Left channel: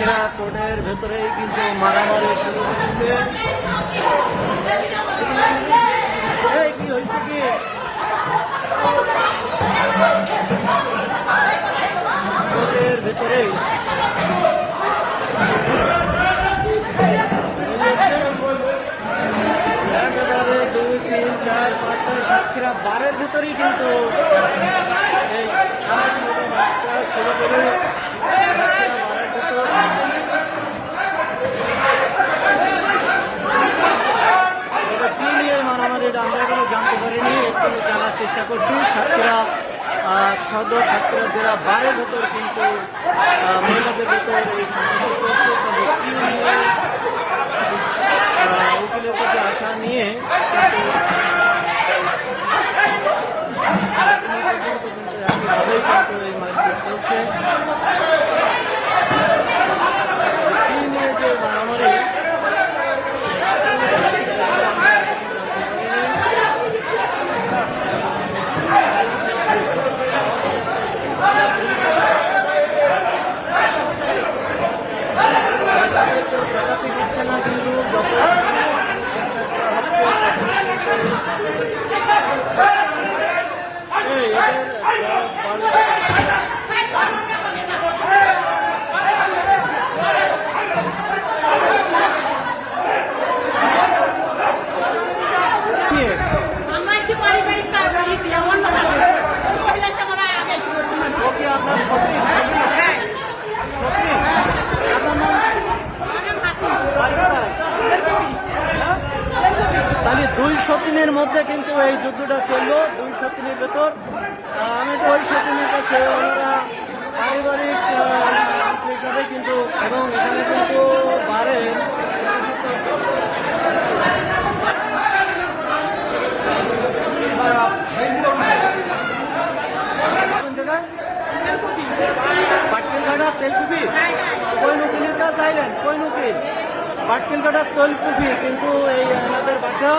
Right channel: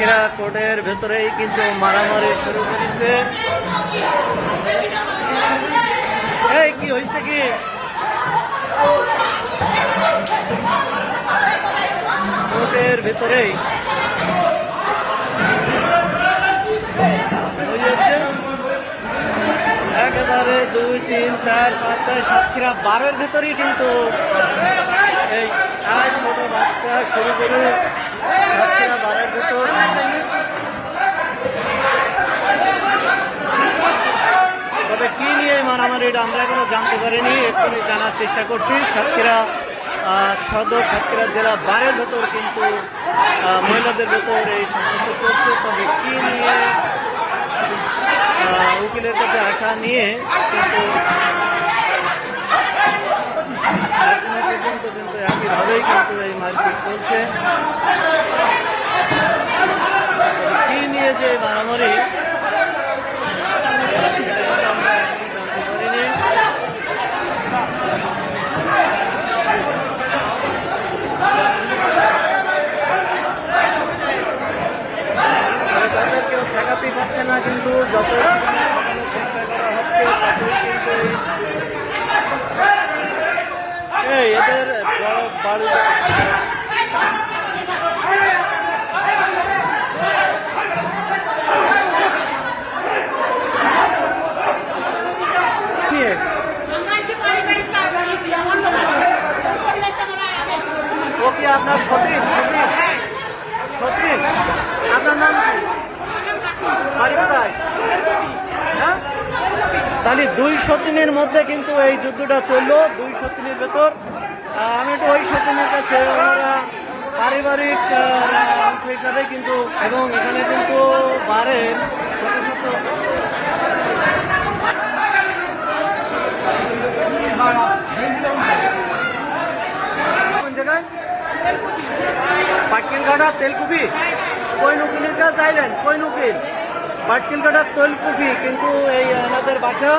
সাতক্ষীরা কোর্টের ভেতরেই কিন্তু মারামারি শুরু করেছে। এই কি হয়েছে কি? কোর্টের ভেতরেই একেবারে 2, 3, 4, 5, 6, সাতক্ষীরা 12-এর ভেতরেই কিন্তু এই ছোট বাচ্চা শুরু করে 12-এর ভেতর তবে কি নিয়ে মারামারি এটা আমরা এখনো জানতে পারিনি, এক্ষুনি জানার চেষ্টা করছি। সাতক্ষীরা সদর, সাতক্ষীরা জেলা 12-এর ভেতর কিন্তু মহিলাদের ভেতর এই সংঘর্ষ চলছে। তবে কি নিয়ে উকিলের কাছে আসা নিয়ে কিন্তু একইভাবেই কিন্তু এই মারপিট চলছে। কি নিয়ে যে মারামারি তাদের কেউ ঠেকাতেই পারছে না, কিন্তু যত চেষ্টা করা হচ্ছে এই এদের বাড়ি আপনার সত্যি আপনার নাম তাহলে 203-এর মধ্যে কিন্তু এই যুদ্ধটা চললো। 203-এর ভেতর আমি তো ওই সতীনের কাছে ওনারা পারিবারিক আন্তরিকভাবে কিন্তু, এবং এখানে কিন্তু বারের কোন জায়গায় পাটকেলঘাটা তেলকুপি কই উকিলের কাছে চাইলেন, কই উকিল পাটকেলঘাটা তেলকুপি কিন্তু এই এনাদের বাসা।